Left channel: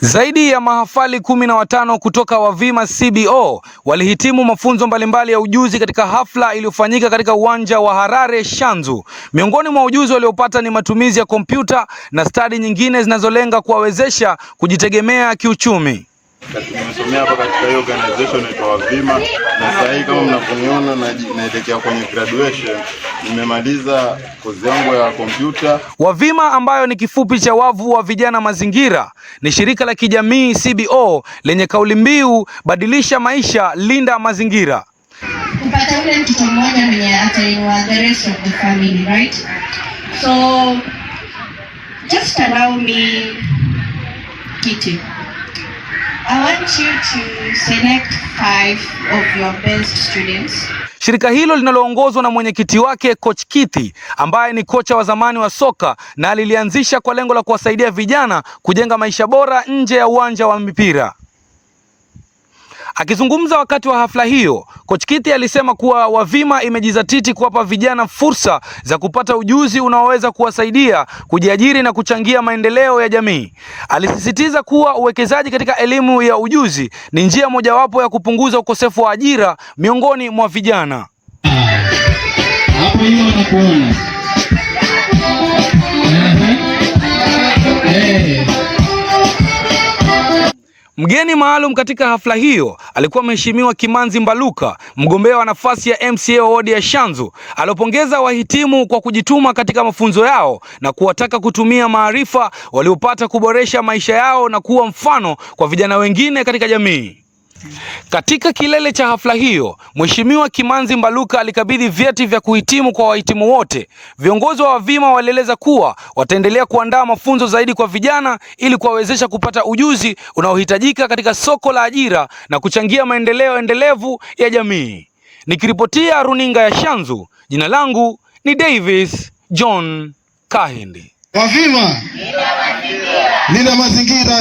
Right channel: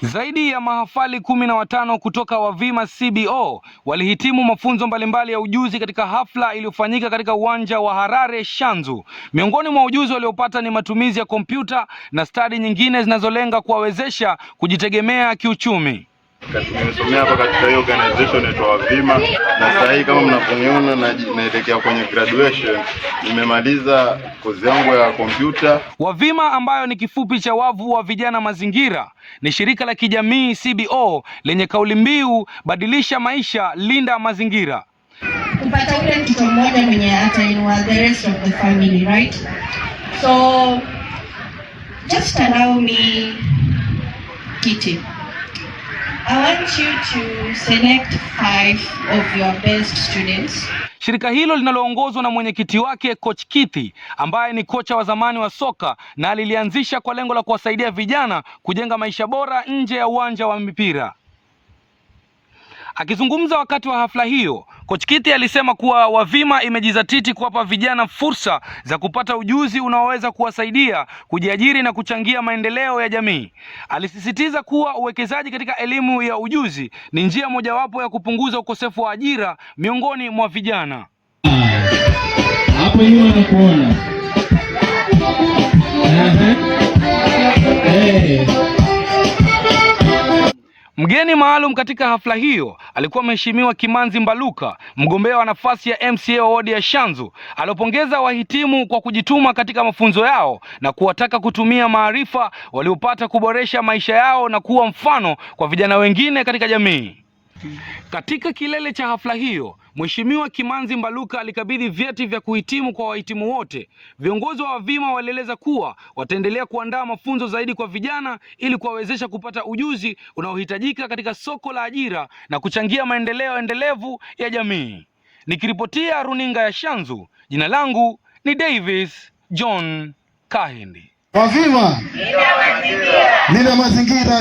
Zaidi ya mahafali 15 kutoka Wavima CBO walihitimu mafunzo mbalimbali ya ujuzi katika hafla iliyofanyika katika uwanja wa Harare Shanzu. Miongoni mwa ujuzi waliopata ni matumizi ya kompyuta na stadi nyingine zinazolenga kuwawezesha kujitegemea kiuchumi. Nimesomea hapa katika hiyo organization inaitwa Wavima, na sasa hivi kama mnavyoniona naelekea kwenye graduation. Nimemaliza kozi yangu ya kompyuta. Wavima, ambayo ni kifupi cha wavu wa vijana mazingira, ni shirika la kijamii CBO lenye kauli mbiu badilisha maisha, linda mazingira. Kupata ule mtoto mmoja mwenye atainua the rest of the family, right? So just allow me, Kitty. I want you to select 5 of your best students. Shirika hilo linaloongozwa na mwenyekiti wake Coach Kitty, ambaye ni kocha wa zamani wa soka na alilianzisha kwa lengo la kuwasaidia vijana kujenga maisha bora nje ya uwanja wa mipira. Akizungumza wakati wa hafla hiyo, Coach Kitty alisema kuwa Wavima imejizatiti kuwapa vijana fursa za kupata ujuzi unaoweza kuwasaidia kujiajiri na kuchangia maendeleo ya jamii. Alisisitiza kuwa uwekezaji katika elimu ya ujuzi ni njia mojawapo ya kupunguza ukosefu wa ajira miongoni mwa vijana. Hapo nyuma nakuona. Mgeni maalum katika hafla hiyo alikuwa Mheshimiwa Kimanzi Mbaluka, mgombea wa nafasi ya MCA wa wadi ya Shanzu. Alipongeza wahitimu kwa kujituma katika mafunzo yao na kuwataka kutumia maarifa waliopata kuboresha maisha yao na kuwa mfano kwa vijana wengine katika jamii. Katika kilele cha hafla hiyo, Mheshimiwa Kimanzi Mbaluka alikabidhi vyeti vya kuhitimu kwa wahitimu wote. Viongozi wa Wavima walieleza kuwa wataendelea kuandaa mafunzo zaidi kwa vijana ili kuwawezesha kupata ujuzi unaohitajika katika soko la ajira na kuchangia maendeleo endelevu ya jamii. Nikiripotia runinga ya Shanzu, jina langu ni Davis John Kahindi. Wavima, linda mazingira.